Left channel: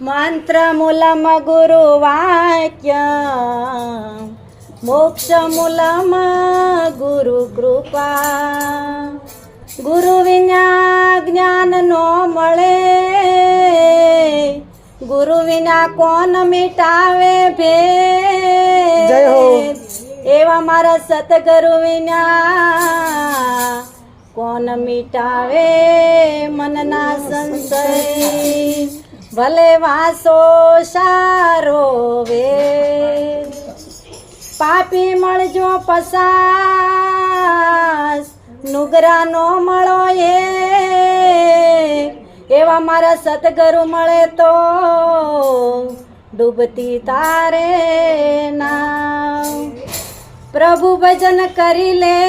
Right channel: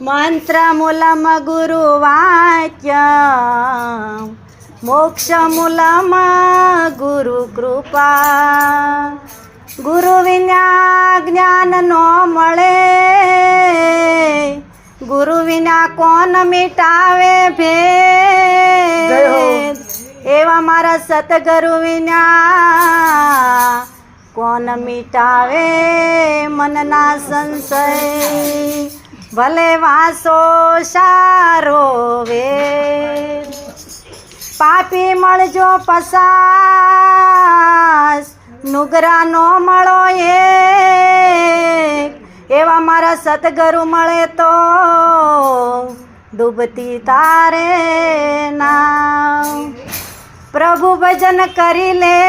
మంత్రములమ గురువాక్య మోక్షములమ గురు કૃપા ગુરુ વિના જ્ઞાન નો મળે ગુરુ વિના કોણ મિટાવે જય હો. ભેદ એવા મારા સતગુરુ વિના કોણ મિટાવે મનના સંશય ભલે વાસો સારો વે. પાપી મળજો પસાસ નુગરા નો મળો એ. એવા મારા સતગુરુ મળે તો ડૂબતી તારે ના. પ્રભુ ભજન કરી લે,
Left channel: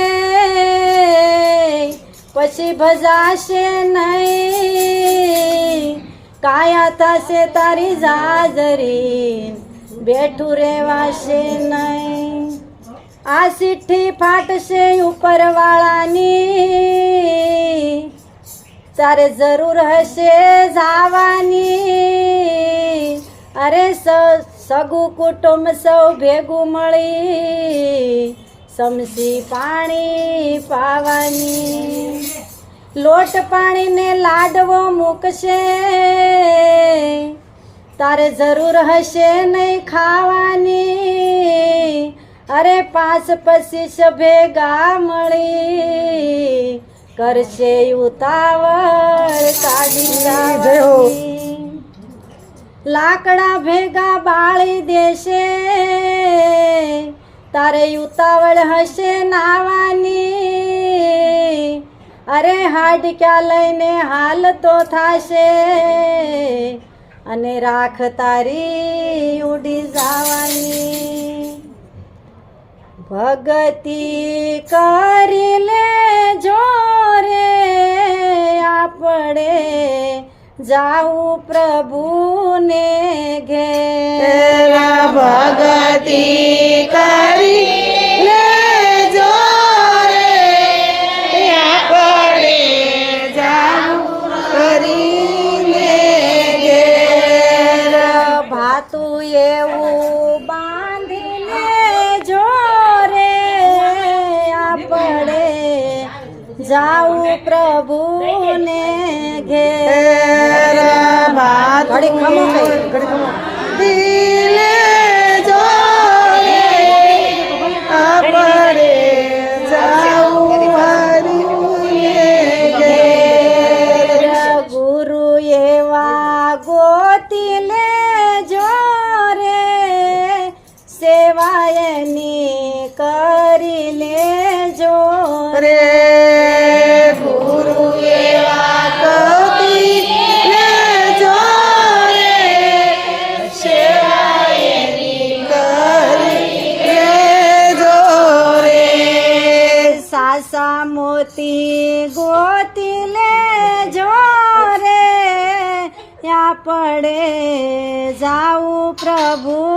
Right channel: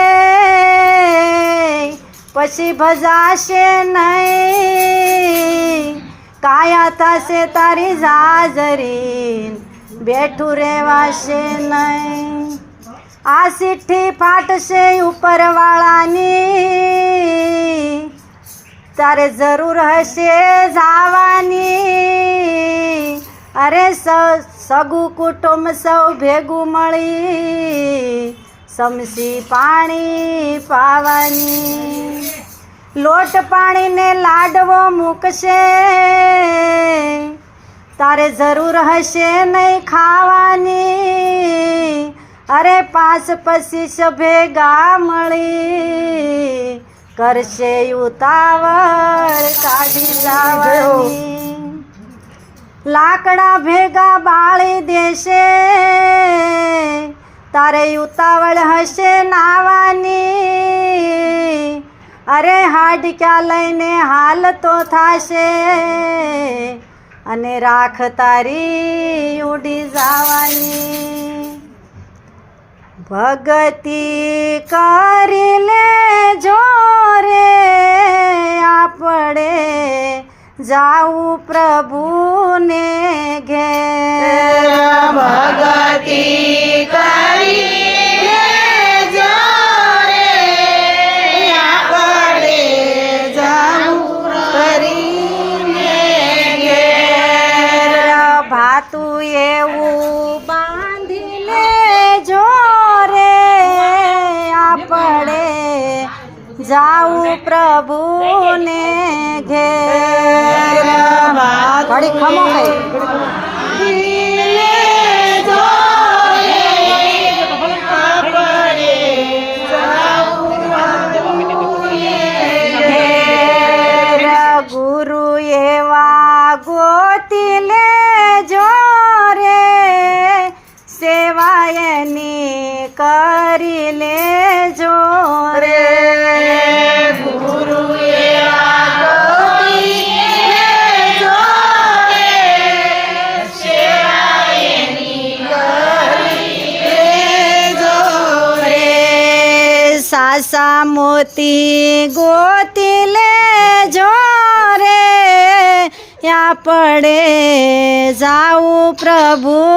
પછી ભજાશે નહીં. કાયા થશે તારી જાજરી બેઠું રહેવાશે નહીં આ સિઠ્ઠી ફાટશે ઉપરવાળાની તારે જરૂર હશે જાવાની અરે સ- સગું કુટુંબ સૌ ભેગું મળી સમસી પાણી પાવાની લોટ પાણીને લાડવો મૂકશે. તારે જરૂર હશે નહીં ખાવાની. અરે પાસ પચીસ ભેગા મળી. કરશે ઉતાવળ કાઢી લાકડા ભેગા બાળી દેશે. તારે ઉતાવળ હશે નાવાની. અરે હાડક્યા લઈને હાલ તો થાશે. અને રાખ તારી ઉડી જવાની. ભગતિ કરી લે જોરે આપણે. જાવું પ્રભુને ઘેર. ભગતિ જાવું પ્રભુને ઘેર. ઘડી ખમો કઈ જાવું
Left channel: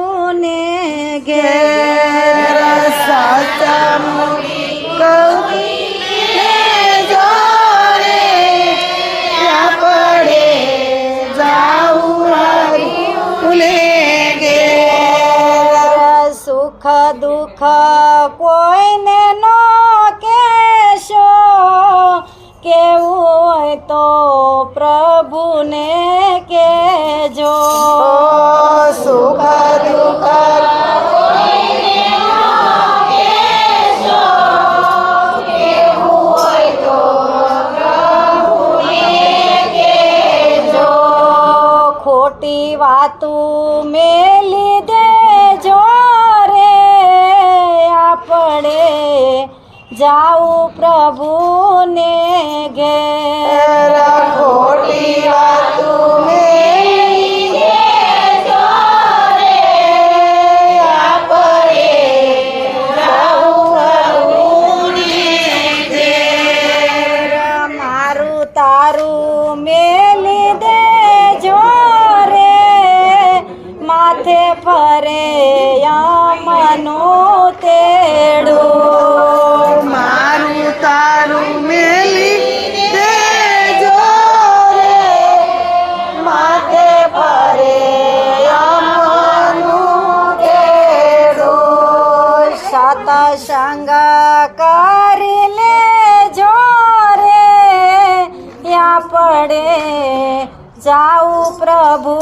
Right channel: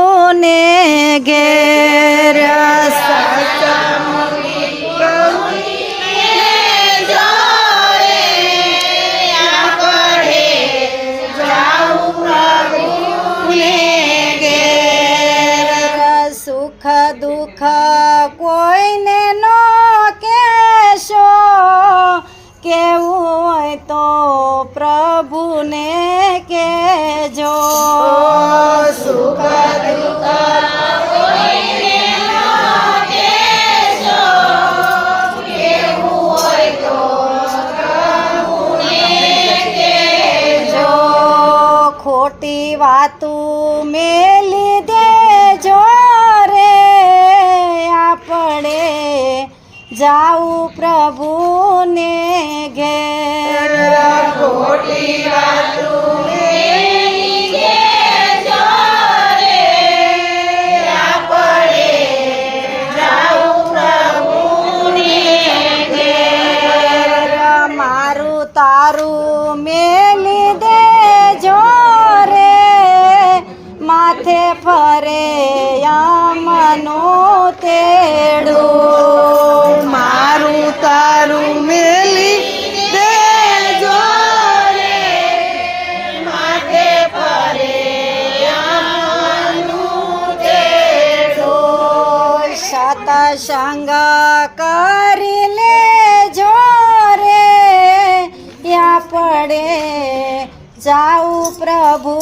ખોટી વાતું મેલી દેજો રે આપણે. જાવું પ્રભુને ઘેર. ખોટી વાતું જાઉં પ્રભુ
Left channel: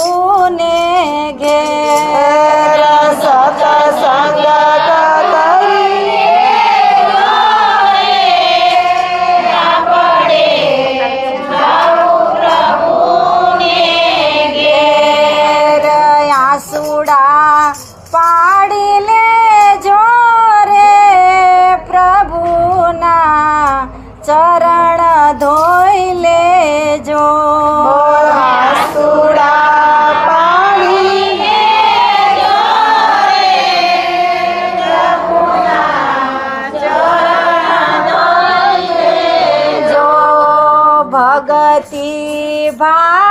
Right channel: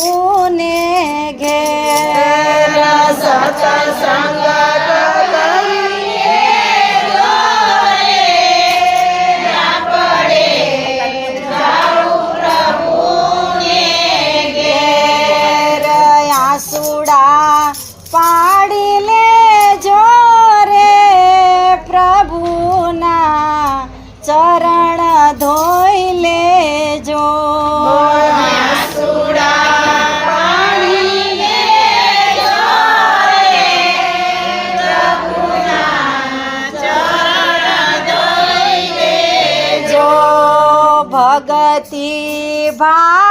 ભગવતી ભા